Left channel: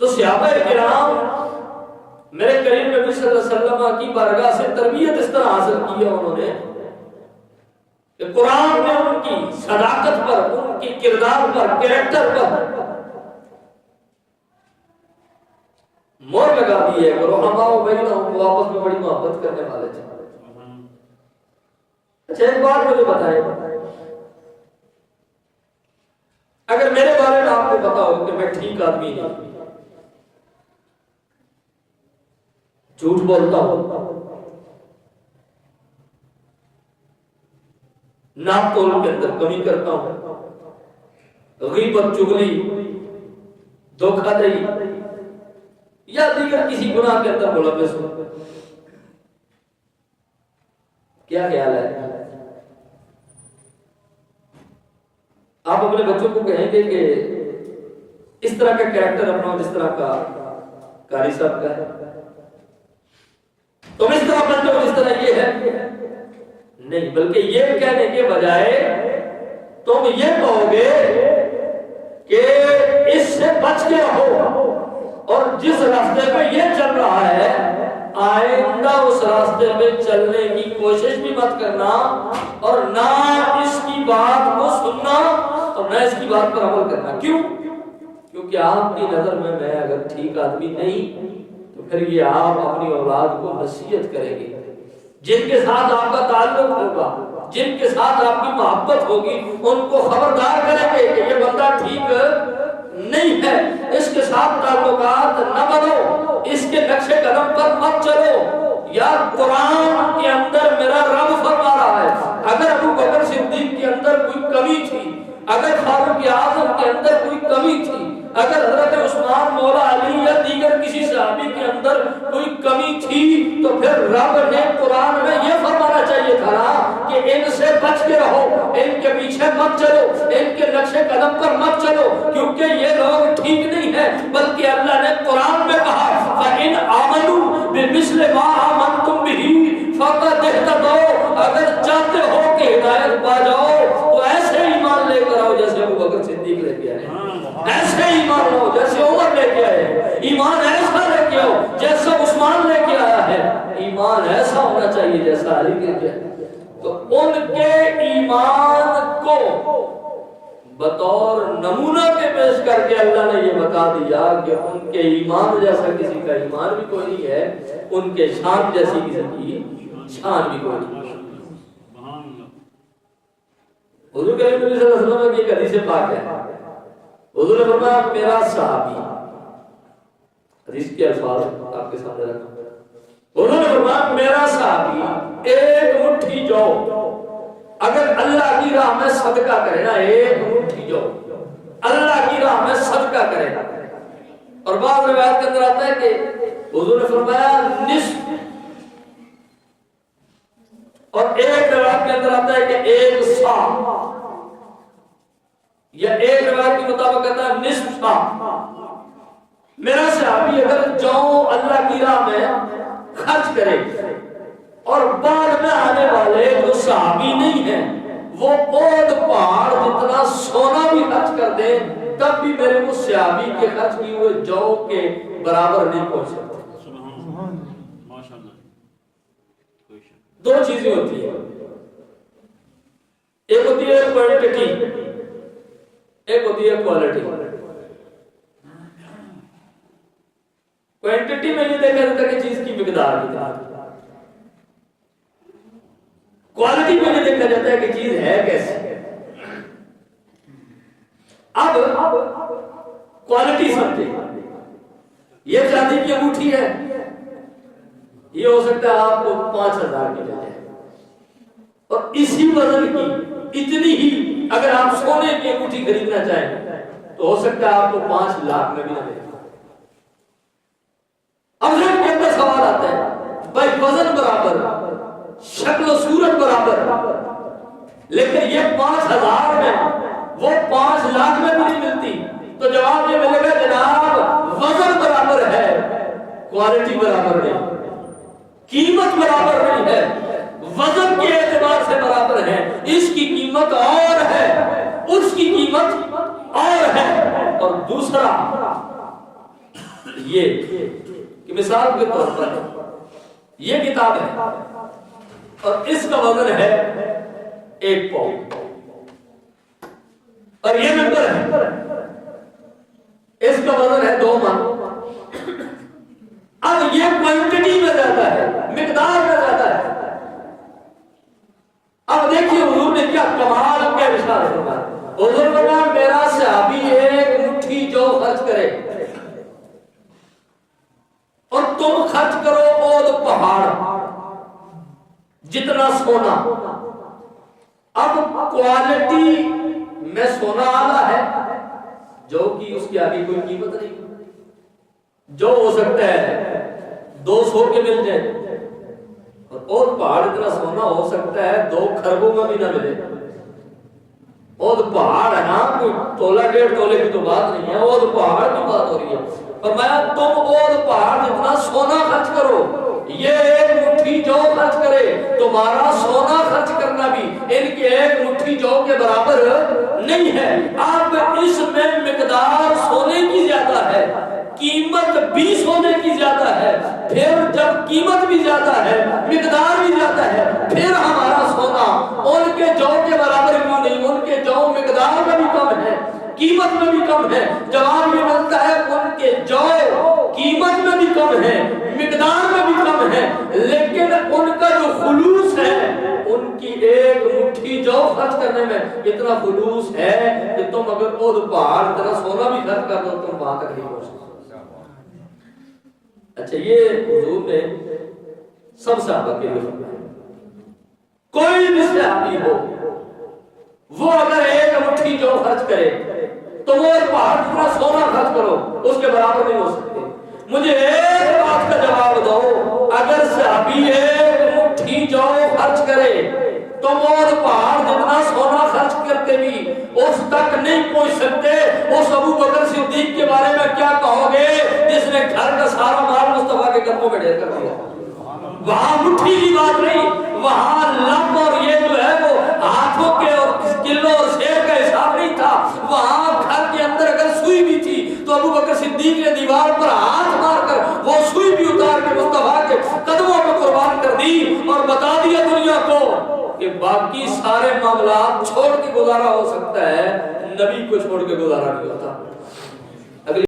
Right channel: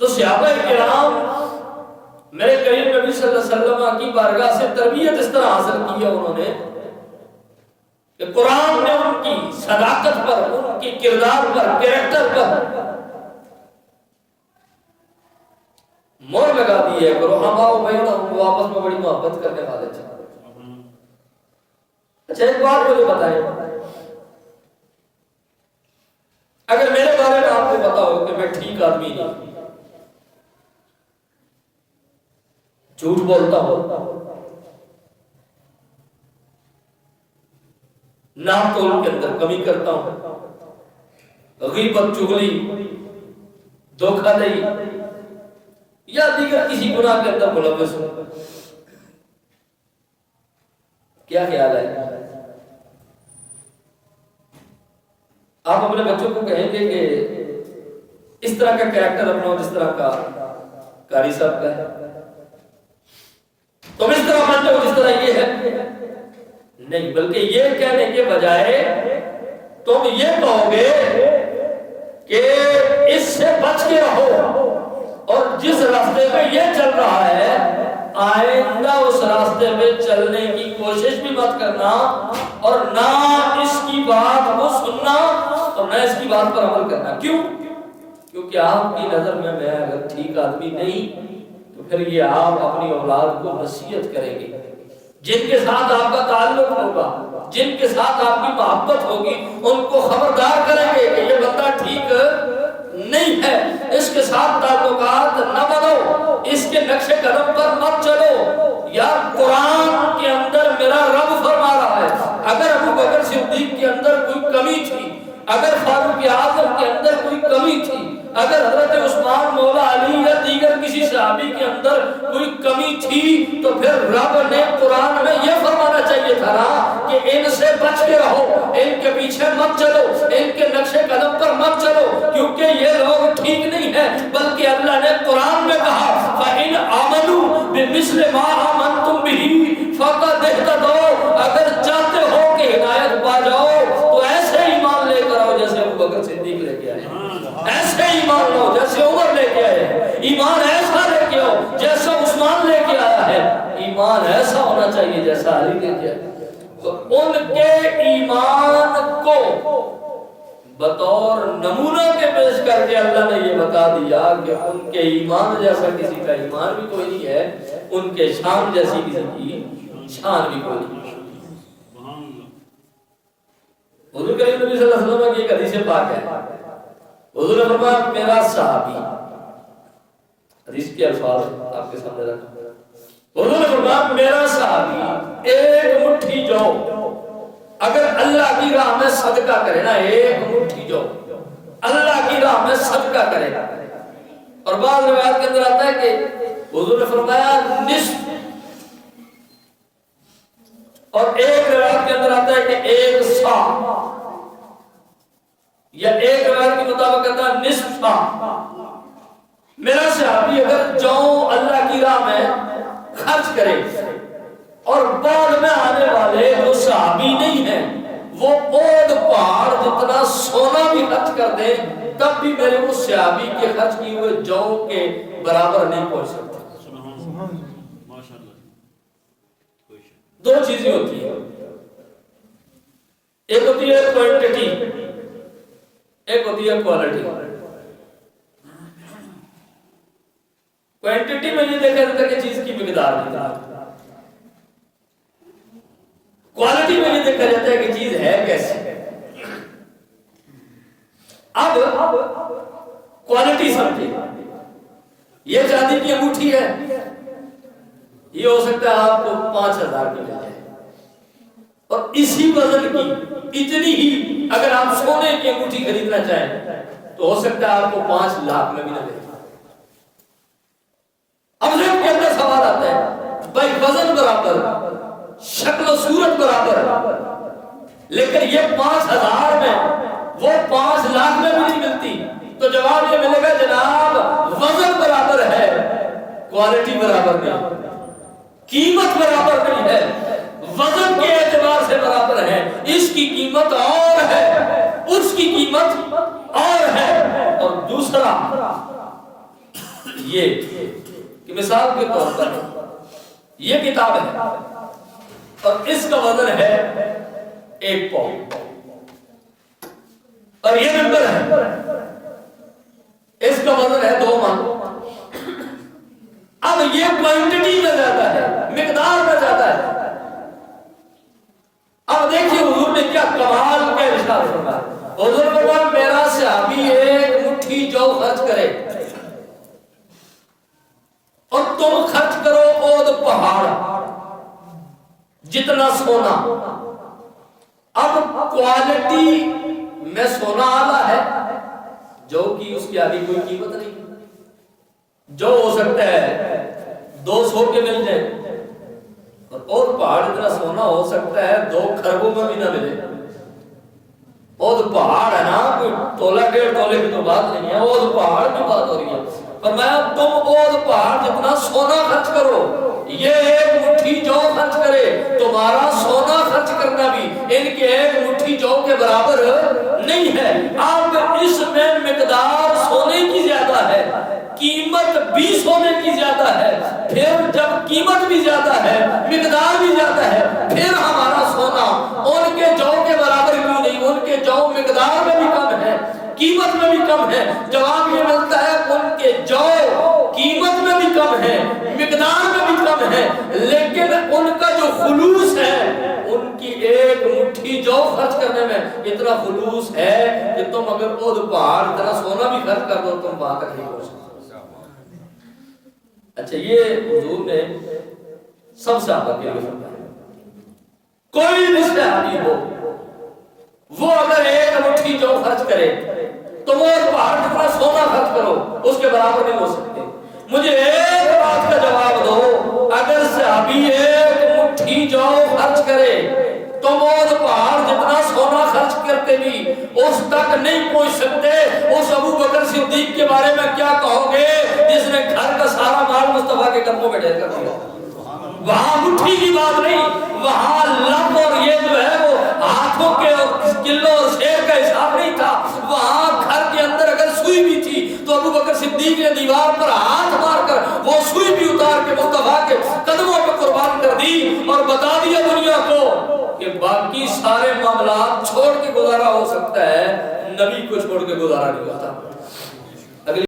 تو صحابہ کرام میرے کریم نبی صلی اللہ علیہ وسلم کی بارگاہ سے تربیت اس طرح حاصل کی ہے انہوں نے کہ قرآن نے ان کی صداقت پر، ان کی کردار پر، کریکٹر پر مور لگا دی ہے کہ رحماء بینہم، وہ آپس میں بڑی محبت کرنے والے تھے۔ اچھا ایک بات مجھے بتائیں، اگر میرے بارے میں آپ کو پتا ہو کہ میں ٹھیک آدمی نہیں، جھوٹ بولتا ہوں، ناپ تول کے اندر کمی کرتا ہوں، غیبت، چغلی، دھوکہ دہی یا دیگر کسی گناہ کے اندر ملوث ہوں، کیا خیال ہے؟ آپ اپنے بچوں کو کہیں گے کہ اس طرح کا کریکٹر اپنا جس طرح کا قاری صاحب کا ہے، تم اس طرح بن جاؤ جس طرح یہ ہے؟ نہیں، بلکہ یہ کہنے کے بجائے تم یہ کہو گے کہ اس سے بچ کے رہو، اور جس راستے پہ یہ چل رہا ہے آئندہ اس راستے پہ چلنے کی کوشش بھی مت کرنا، اور نہ اس کی بات کو سننا اور نہ اس کی بات پر عمل کرنا۔ کیوں؟ کیونکہ آپ کی نظر میں اگر ٹھیک آدمی نہیں تو پھر یہ آپ اپنی اولاد کو نصیحت کریں گے، جن کے ساتھ آپ کا تعلق ہوگا، جن کے ساتھ آپ کی محبت ہوگی، ان کو خبردار کریں گے کہ یہ بندہ ٹھیک نہیں ہے، اس کے ساتھ تعلقات نہ بنو، اس کے نقش قدم پر مت چلو۔ یار قرآن کے اندر میرا رب فرما رہا ہے اگر ابو بکر صدیق کے اندر کوئی کمی تھی، اگر فاروق اعظم کے اندر کوئی کمی تھی، اگر حضرت عثمان مولا علی یا دیگر کسی صحابی کے اندر کوئی کمی تھی، تو پھر رب نے قرآن میں یہ فرمانا چاہیے تھا نا کہ ان سے بچ کے رہو، ان کے پیچھے مت چلو، ان کے نقش قدم پر مت چلو، کیونکہ یہ لوگ ٹھیک نہیں ہے۔ بلکہ اللہ نے قرآن میں کہا فَإِنْ آمَنُوا بِمِثْلِ مَا آمَنْتُمْ بِهِ فَقَدْ اهْتَدَوْا، اگر چاہتے ہو کہ ہدایت پا جاؤ تو ایسے ایمان لے کر آؤ جیسے ابو بکر صدیق لے کے آئے، ایسے ایمان لو جیسے عمر لے کے آئے، ایمان ایسا لے کے آؤ جیسا عثمان لے کے آیا ہے، ایمان ایسا ہونا چاہیے جیسا علی لے کے آیا۔ تو ان کے ایمان کو بطور نمونہ کے پیش کر کے اللہ نے یہ بتا دیا کہ ان کے ایمان جیسا کسی کا ایمان بھی کوئی نہیں ہے، ان کے شان جیسی کسی کی شان بھی کوئی نہیں۔ حضور کریم نبی صلی اللہ علیہ وسلم کی ایک حدیث پاک ہے، حضور نے فرمایا میرا صحابی، حدیث کے الفاظ آپ کے سامنے رکھا، حضور نے فرمایا میرا صحابی ایک مٹھی جو اگر اللہ کی راہ میں صدقہ کرے نا، ایک مٹھی جو اللہ کی راہ میں صدقہ کرے نا، اور بعض روایت کے اندر آتا ہے کہ حضور نے فرمایا نصف، اور ایک روایت کے اندر آتا ہے کہ ایک سا، یا ایک روایت کے مطابق کہتا ہے نصف سا۔ میرا صحابی اگر جو اللہ کی راہ میں خرچ کرے اور بعد میں آنے والے جو صحابی نہیں ہیں وہ اود پہاڑ جتنا سونا بھی خرچ کر دے تب بھی میرے وہ صحابی کے خرچ کیے ہوئے جو کے برابر نہیں پہنچ سکتے۔ دو چیزیں ہوتی ہیں، ایک ہوتی ہے کوانٹٹی، ایک ہوتی ہے کوالٹی۔ کوانٹٹی میں یہ دیکھا جاتا ہے کہ چیز کی مقدار کتنا، کوالٹی میں یہ دیکھا جاتا ہے کہ چیز ہے کیسی۔ اب کوالٹی سمجھے، یہ چاندی کی انگوٹھی ہے، یہ ہو سکتا ہے آپ کو 5,000 کی مل جائے، اور اسی وزن کی اتنی ہی اگر آپ سونے کی انگوٹھی خریدنا چاہیں تو ہو سکتا ہے آپ کو 5 لاکھ میں بھی نہ ملے۔ اب ذہن کے اندر سوال آتا ہے بھائی وزن برابر، شکل و صورت برابر، لیکن یہ 5,000 میں وہ 5 لاکھ میں بھی نہیں ملتی، تو جواب یہ ملے گا جناب وزن برابر ہے، کوالٹی برابر نہیں، قیمت برابر نہیں ہے، وزن کے اعتبار سے برابر ہے، اس کی قیمت اور ہے، اس کی قیمت اور ہے۔ اور دوسرا یہ کہ مثال کے طور پر یہ کتاب ہے اور اس کا وزن ہے 1 پاؤنڈ، اور یہ ممبر ہے اس کا وزن ہے 2 من۔ اب یہ کوانٹٹی میں زیادہ ہے، مقدار میں زیادہ ہے۔ اب دیکھیے حضور نے کیا کمال کا ارشاد فرمایا۔ حضور نے فرمایا میرا صحابی 1 مٹھی جو خرچ کرے اور تم خرچ کرو اود پہاڑ جتنا سونا۔ اب کوالٹی میں سونا آلہ ہے جو کہ اس کی آگے کوئی قیمت نہیں، جو ہو سکتا ہے 200 کے مل جائے، اور پہاڑ اتنا سونا ہو سکتا ہے 2 خربوں میں بھی نہ ملے۔ اور پہاڑ ہے نا، کوئی تولہ 1.5 تولے کی تو بات نہیں ہے، اور پہاڑ کی بات ہو رہی ہے۔ فرمایا تم اور پہاڑ جتنا سونا خرچ کرو، یہ 1 مٹھی جو خرچ کرے تمہارا سونا خرچ کرنا بھی ان کے 1 مٹھی جو کے برابر نہیں ہے۔ اب اس میں مقدار سونے کی زیادہ ہے، قیمت بھی سونے کی زیادہ ہے، پھر جب قیمت بھی زیادہ ہے مقدار بھی زیادہ ہے، پھر ہمارا سونا ان کے جو کے برابر کیوں نہیں؟ ان کے جو مقدار میں بھی کم ہے، قیمت میں بھی کم ہے۔ جواب یہ ملتا ہے ان کے جو قیمت میں بھی کم ہے، مقدار میں بھی کم ہے، لیکن ان کا جو خلوص ہے، ان کی 1 مٹھی جو خرچ کرنے میں اتنا خلوص ہے کہ تم اگر اود پہاڑ اتنا سونا بھی خرچ کر دو تم وہاں تک نہیں پہنچ سکتے۔ اچھا، یہ حضور نے سب صحابہ کے لیے فرمایا کوئی بھی صحابی ہو وہ اگر 1 مٹھی جو خرچ کرے تم اور پہاڑ جتنا سونا خرچ کرو اس کے برابر نہیں ہو سکتے۔ مجھے ایک بات کا جواب دو، اگر صحابی 1 مٹھی جو خرچ کرے تم اور پہاڑ جتنا سونا خرچ کرتے بھی اس تک نہیں پہنچ سکتے، اس ابو بکر صدیق کے بارے میں کیا کہو گے جس نے گھر کا سارا مال مصطفیٰ کے قدموں میں ڈھیر کر دیا؟ وہاں مٹھی کی بات نہیں، وہاں لب اور یہ جو ہے وہ ہاتھوں کے اور کلوں اور سیر کا حساب نہیں تھا۔ وہاں گھر کے اندر اگر سوئی بھی تھی تو ابو بکر صدیق نے دیوار پر ہاتھ مار کر وہ سوئی بھی اتار کے مصطفیٰ کے قدموں پہ قربان کر دی اور بتا دیا دنیا کو کہ باقی سارے معاملات چھوڑ کے گزارا ہو سکتا ہے، نبی کو چھوڑ کے گزارا نہیں ہوتا۔